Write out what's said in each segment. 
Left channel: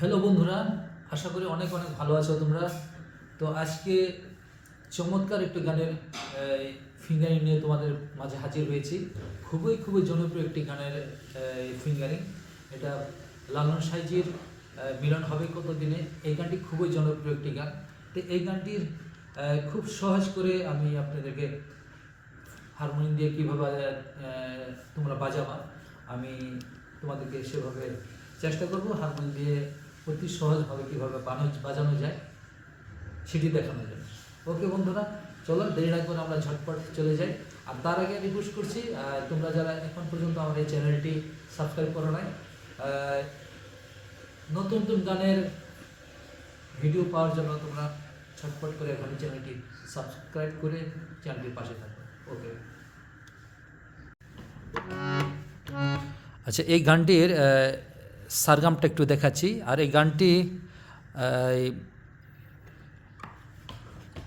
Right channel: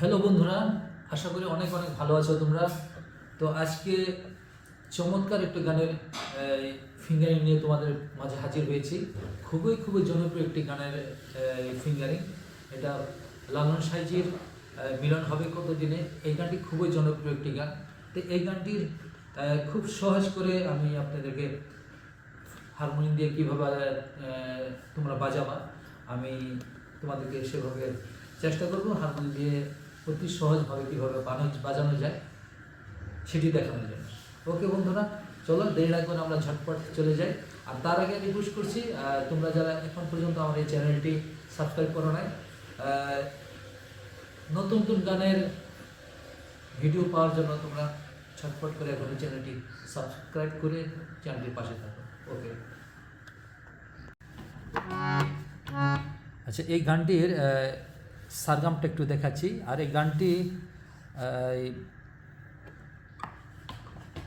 Hello বন্ধুরা, আশা করি অনেক অনেক ভালো আছো তোমরা। তো আজকে চমৎকার একটি গানের ফিঙ্গারিং নিয়ে তোমাদের মাঝে হাজির হয়েছি। খুবই খুবই জনপ্রিয় একটি গানের ফিঙ্গারিং। এটা লালন সাইজির মিলন হবে কত দিনে। এই গানটি খুবই জনপ্রিয় একটি গান। তো এই গানটির খুব সহজ করে আমি আপনাদেরকে হারমোনিয়াম দিয়ে কীভাবে তোমরা বাজাবা, আমি তোমাদেরকে সেভাবে চেষ্টা করব। হারমোনিয়াম দিয়ে অতি সহজভাবে কীভাবে বাজানো যায় সেটি দেখানোর জন্য। ওকে বন্ধুরা, চলো দেরি না করে আমরা ঝটপট চলে যাই। আর তার আগে রিকোয়েস্ট করছি, তোমরা যারা এখন পর্যন্ত আমার এই চ্যানেলটি সাবস্ক্রাইব করো নাই, নতুন নতুন গানের ভিডিও পাওয়ার জন্য তোমরা ঝটপট করে এখন এই চ্যানেলটি সাবস্ক্রাইব করে চ্যানেলটির পাশে থাকো। ওকে, আচ্ছা, এই গানটির সারগামটা একটু দেখাচ্ছি। আর এই গানটি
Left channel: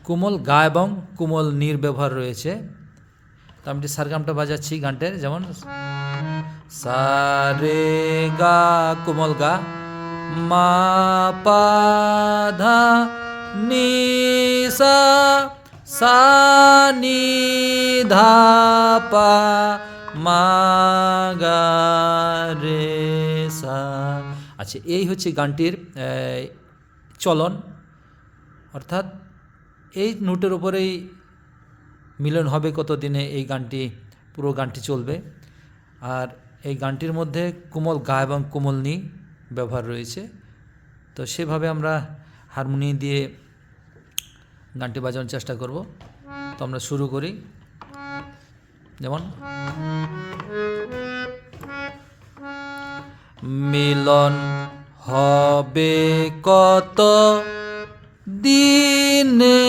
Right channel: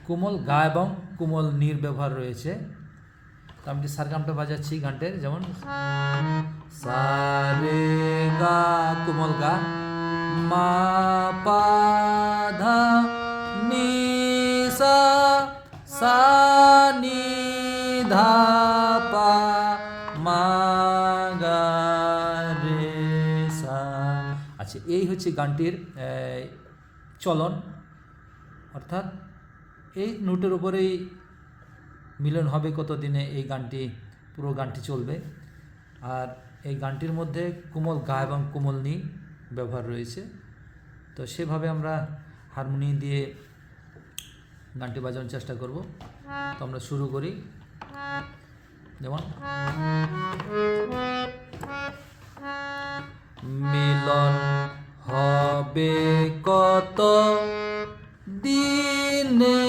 কোমল গা এবং কোমল নীর ব্যবহার রয়েছে। তো আমি সারগামটা বাজাচ্ছি গানটার, যেমন সা রে গা কোমল গা, মা পা ধা নি সা, সা নি ধা পা, মা গা রে সা। আচ্ছা, এই হচ্ছে গানটির চলন, অর্থাৎ এই নোটের উপরেই মিলন হবে কত দিনে এই গানটি, পুরো গানটি চলবে। আর এই গানটির মধ্যে কোমল গা এবং কোমল নি ব্যবহার রয়েছে। তো সেভাবে আমরা হারমোনিয়াম দিয়ে গানটি বাজানোর চেষ্টা করব। তো আমরা শুরু করি। যেমন মিলন হবে কত দিনে,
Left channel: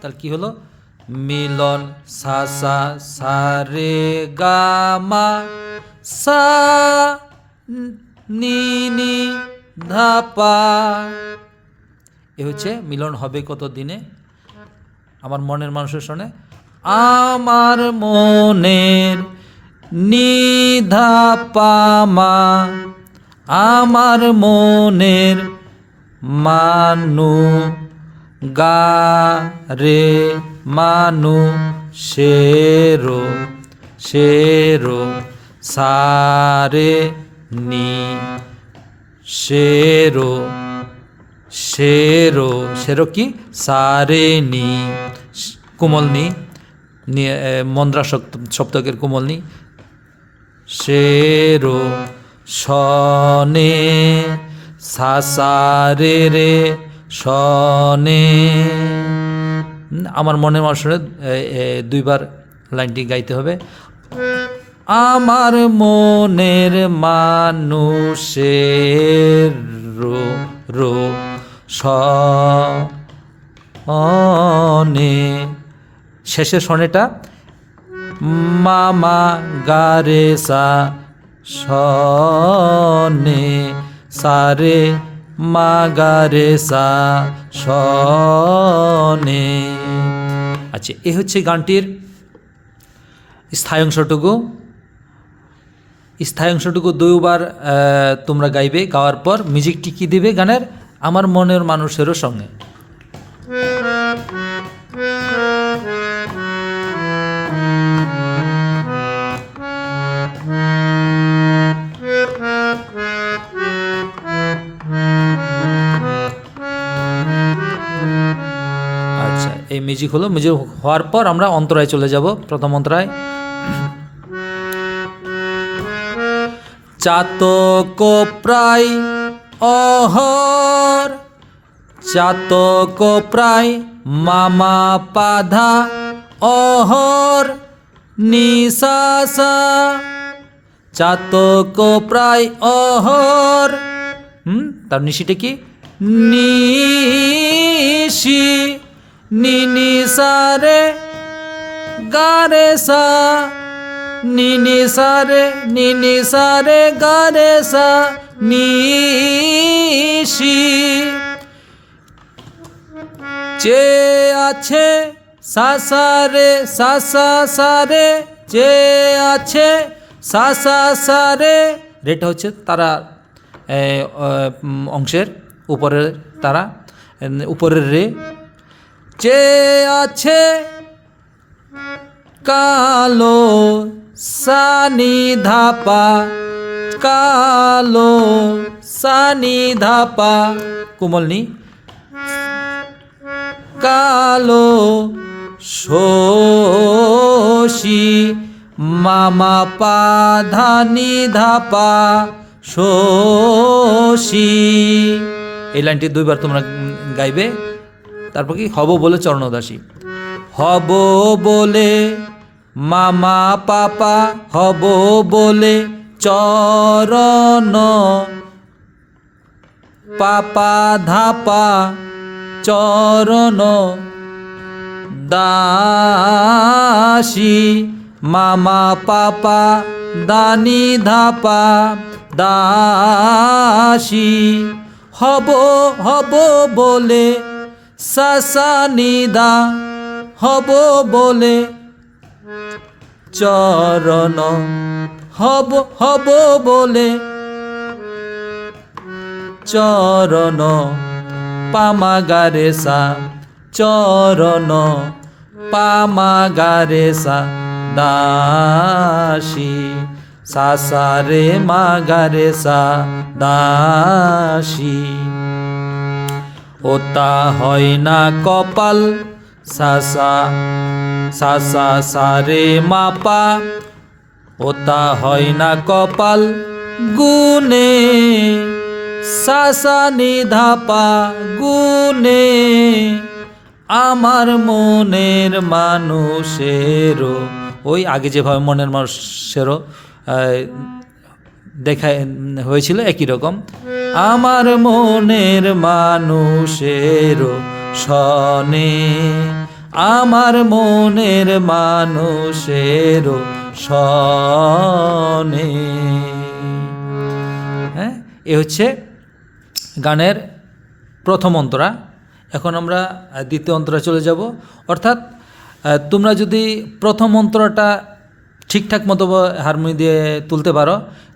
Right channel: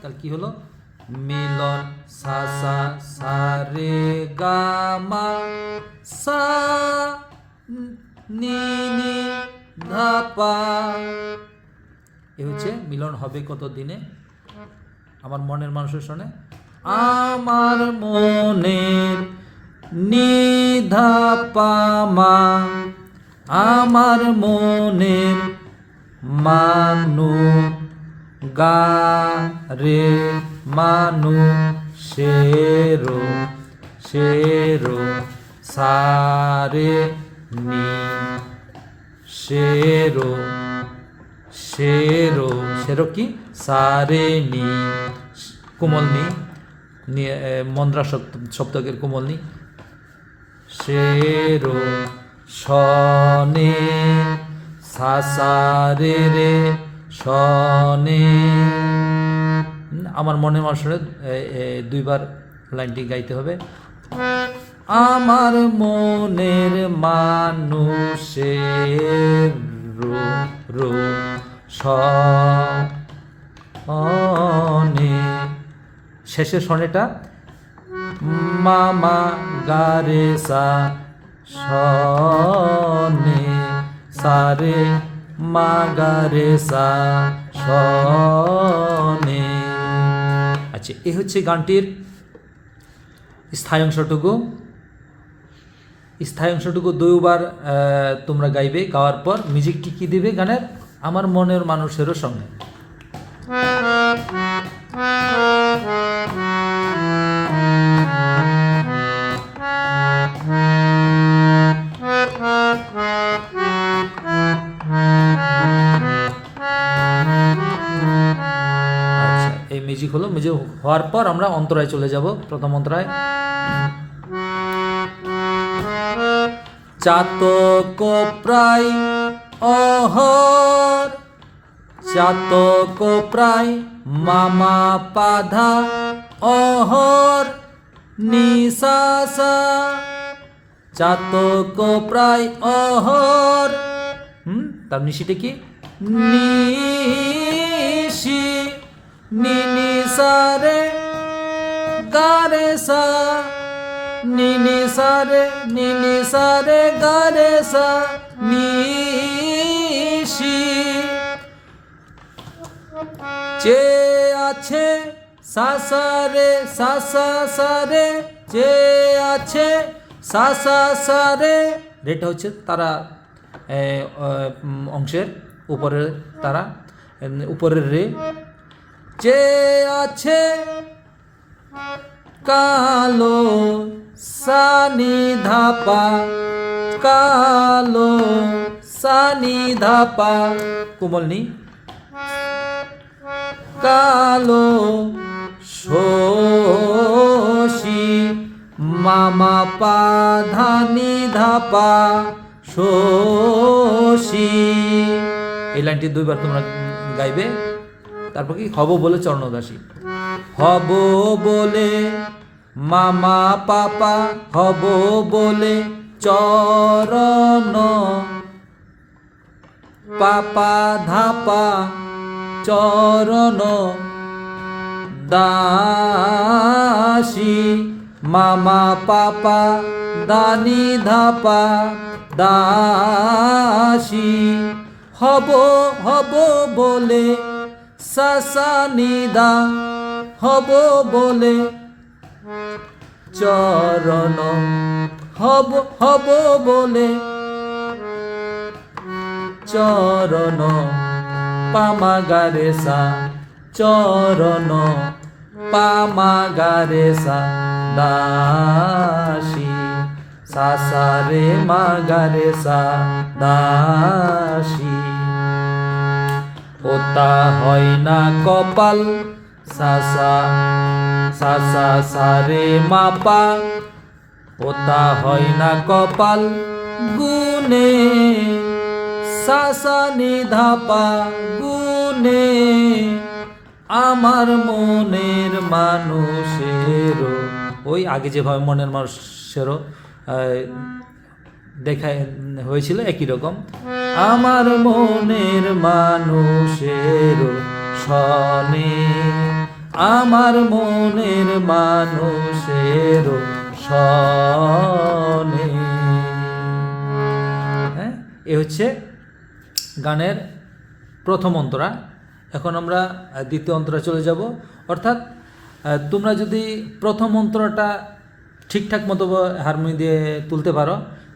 তাহলে কি হলো? মিলন সা সা সা রে গা মা, সা নি নি ধা পা। এ হচ্ছে মিলন হবে কত দিনে। আমার মনের মানুষের শোনে, আমার মনের নিধা পা মা, আমার মনের মানু গা রে মানু শেরো শেরো সা রে নি শেরো শেরো শেরো কি সা রে নি, কোমল নি, মন্দ্রা সপ্তকের কোমল নি, শেরো শনে সা সা রে রে শনে। আমার মনের মানুষের দুইবার লাইনটি গাইতে হবে। আমার মনের মানুষের রো রো শনে, শেষের শনেটা মামা গা রে সা শনে, সা রে মা গা রে সা শনে। আচ্ছা, এ হচ্ছে গানটির স্থায়ী অংশটুকু। স্থায়ী অংশটুকু দুইবার তোমরা গাইবে। গাওয়ার পর মিউজিকটি কি দিবে গানের? আমার মনের মানুষেরও সঙ্গে। আচ্ছা, এই মিউজিক হলো। মিউজিক হওয়ার পর আমরা অন্তরায় চলে যাব। প্রথম অন্তরায়, চাতক প্রায় অহর, চাতক প্রায় মামা পাধা অহর নিশাসা, চাতক প্রায় অহর। তার নিশিটা কি? নিশি নি নি সা রে গা রে সা, নি নি সা রে নি নি সা রে গা রে সা নিশি। চে আছে সা সা রে সা সা সা রে, চে আছে সা সা সা রে, রেটা হচ্ছে তারা অংশের উপরের তারা, উপরের রে। চেয়ে আছে কালো সানি ধাপা, কালো সানি ধাপা কোমল নি, কালো শোষি মামা পা ধানি ধাপা শোষি। এই লাইনটি দুইবার তোমরা গাইবে। তারপর কি হব বলে চরণদাসী, হব বলে মামা পাপা, হব বলে চরণ পাপা ধাপা চরণ দাসী মামা পাপা দানি ধাপা দাসী। হব হব বলে সাসা নিদা, হব বলে চরণ, হব হব বলে চরণ পামাগারে সা, চরণ পামাগারে সা দাসী, সাসারে মাগারে সা দাসী। ওতা হয় না কপাল সাসা, সাসা সারে মাপা, ওতা হয় না কপাল গুনে, সাসা নিধাপা গুনে। আমার মনের মানুষেরও, ওই আগে যেভাবে মনের মানুষেরও দেখা হয়েছিল একই রকম, আমার মনের মানুষেরও শনে, আমার মনের মানুষেরও শনে। হ্যাঁ, এ হচ্ছে গানের প্রথম অন্তরা। এখন আমরা দ্বিতীয় অন্তরা চলে যাব। অর্থাৎ তোমরা যদি প্রথম অন্তরাটা ঠিকঠাক মতো হারমোনি দিয়ে তুলতে পারো,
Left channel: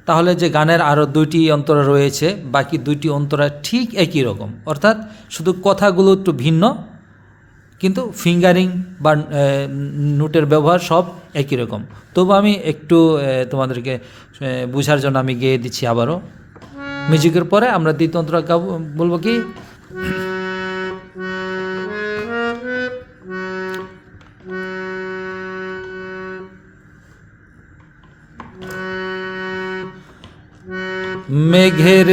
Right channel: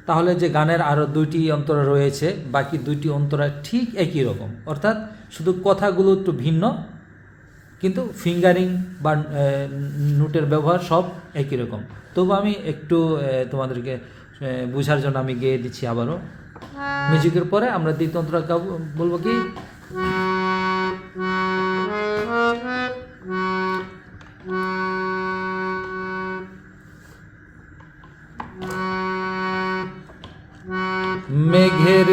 তাহলে যে গানের আরও দুইটি অন্তরা রয়েছে, বাকি দুইটি অন্তরা ঠিক একই রকম। অর্থাৎ শুধু কথাগুলো একটু ভিন্ন, কিন্তু ফিঙ্গারিং বা নোটের ব্যবহার সব একই রকম। তবু আমি একটু তোমাদেরকে বোঝার জন্য আমি গেয়ে দিচ্ছি আবারও। মিউজিকের পরে আমরা দ্বিতীয় অন্তরা গাবো, বলবো কি, মেঘের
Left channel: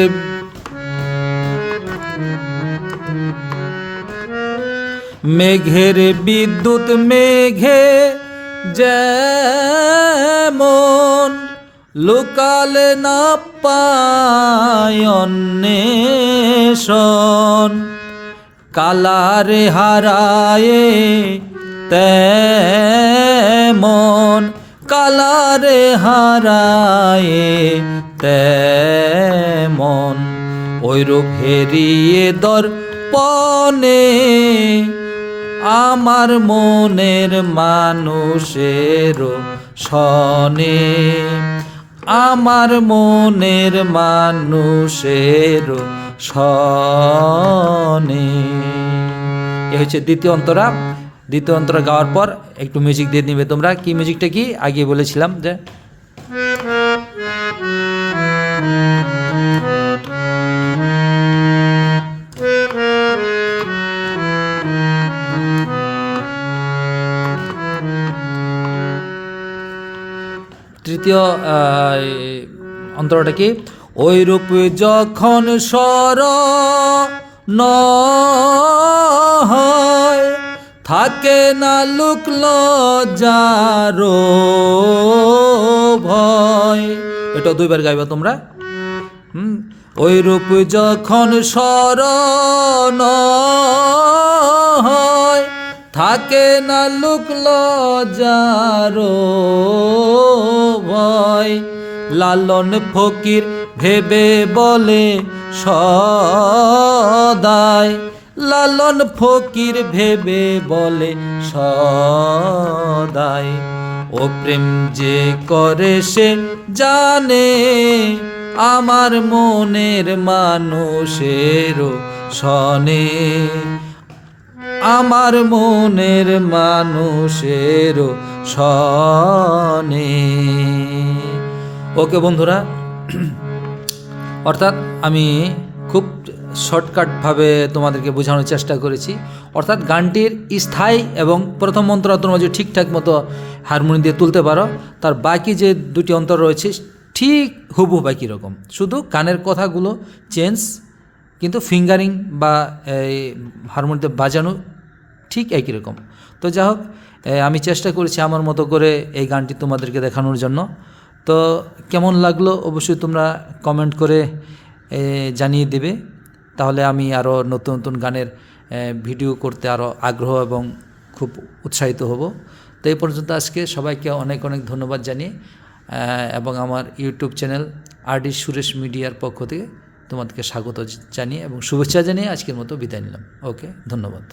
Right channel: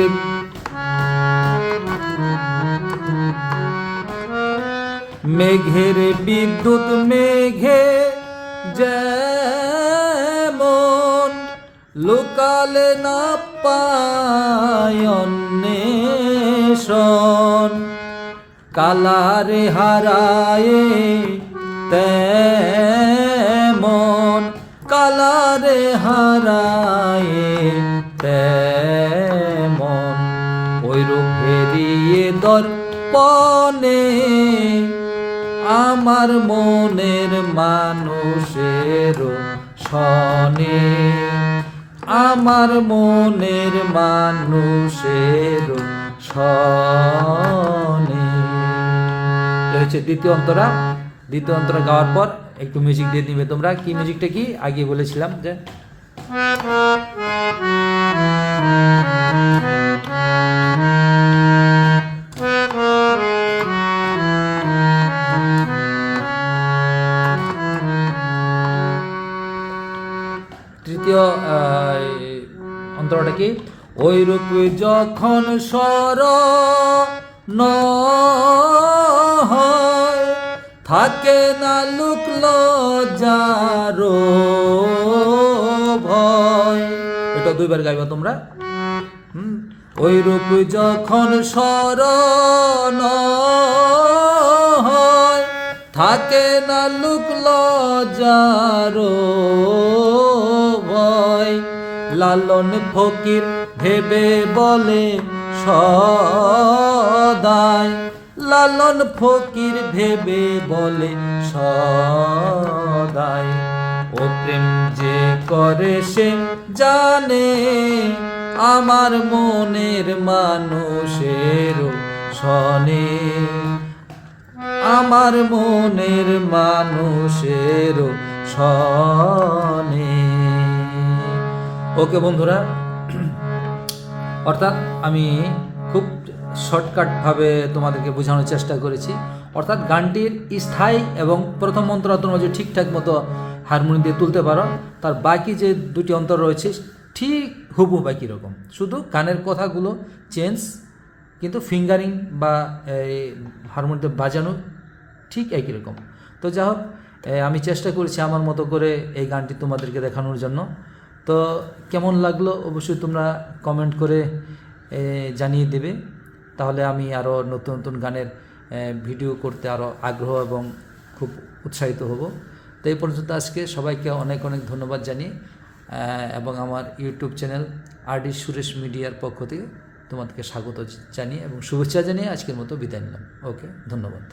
মেঘের বিদ্যুৎ মেঘে যেমন লুকালে না পায় অন্বেষণ, কালারে হারায়ে তেমন, কালারে হারায়ে তেমন, ওইরূপ হেরিয়ে দর্পণে আমার মনের মানুষেরও শনে, আমার মনের মানুষেরও শনে। এ হচ্ছে দ্বিতীয় অন্তরা। দ্বিতীয় অন্তরা গাওয়ার পর একটু মিউজিক দিয়ে নিবে তোমরা। কি মিউজিকটা কি আগে বলেছিলাম যে তৃতীয় অন্তরটা কি, ওই রূপ যখন স্মরণ হয় থাকে না লোক লজ্জারো ভয়। এটা দুইবার গাইবা তোমরা। ওই রূপ যখন স্মরণ হয় থাকে না লোক লজ্জারো ভয়, লালন ফকির ভেবে বলে সদাই, লালন ফকির ভেবে বলে সদাই, ও প্রেম যে করে সে জানে আমার মনের মানুষের সনে, আমার মনের মানুষের সনে। ওকে বন্ধুরা, অর্থাৎ আমি খুব শর্টকাটভাবে তোমাদেরকে বোঝানোর চেষ্টা করেছি। অর্থাৎ গানটির স্থায়ী এবং প্রথম অন্তরা তোমরা যদি ঠিকঠাক মতো হারমোনিয়াম দিয়ে তুলতে পারো, তার বাকি যে দুটি অন্তর রয়েছে ঠিক হুবহু একই রকম, শুধু গানের কথাগুলো চেঞ্জ, কিন্তু ফিঙ্গারিং বা এই হারমোনিয়াম বাজানো ঠিক একই রকম। তো যাই হোক, আমি চেষ্টা করেছি আমার মতো করে এই গানটি তোমাদেরকে দেখানোর জন্য। তো কেমন লাগলো অবশ্যই তোমরা কমেন্ট করে জানিয়ে দেবে, তাহলে আমি আরও নতুন নতুন গানের ভিডিও করতে আরও আগ্রহ এবং খুব উৎসাহিত হব। তো এই পর্যন্ত আজকে সবাইকে অনেক অনেক ধন্যবাদ জানিয়ে এবং আমার ইউটিউব চ্যানেল আরডি সুরেশ মিডিয়ার পক্ষ থেকে তোমাদেরকে স্বাগত জানিয়ে এবং শুভেচ্ছা জানিয়ে আজকের মতো বিদায় নিলাম। ওকে, ধন্যবাদ।